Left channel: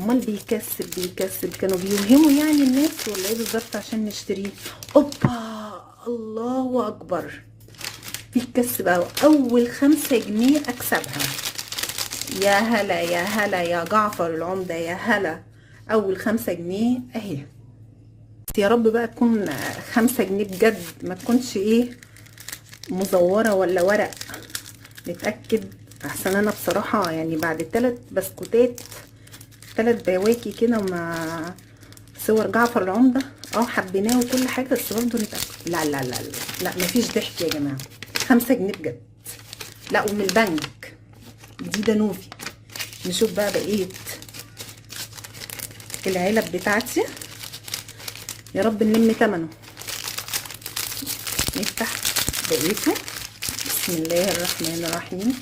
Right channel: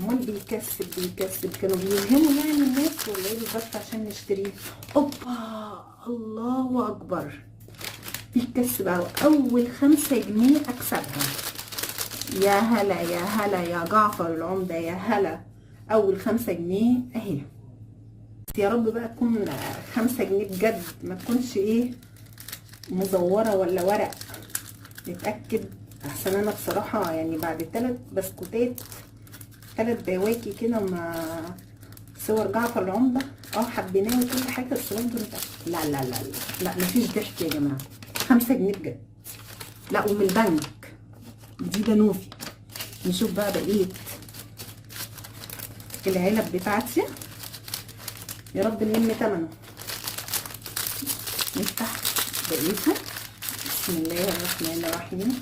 امال بيكسب كانوا بيوهموا يعني الناس ولا ايه بالظبط عشان نشتريه؟ اوبا، الله اكبر، بيكسب اول 5 جنيه اكسبها. يا هلا يا هلا يا جعفر العمدة، يا هلا. اول 5 جنيه اهي. يا رب بقى تكون 5 جنيه بجد، ما تكونش ايه مزورة ولا ورق. نتأكد احسن. انا بصراحة يعني بعد 3 بسكوتات 3 بواكي كده مع صور جعفر العمدة، حبيناه وكل حاجة، بس برضه نتأكد. لا لا لا لا لا، مفيش ضحك يا جماعة. 5 جنيه بجد. لا، ومن البنك دي دانوفي. نشوف بقى بقية العلب بتاعتي، يا رب نلم تمنه. نفتح بقيته. بسم الله الرحمن الرحيم.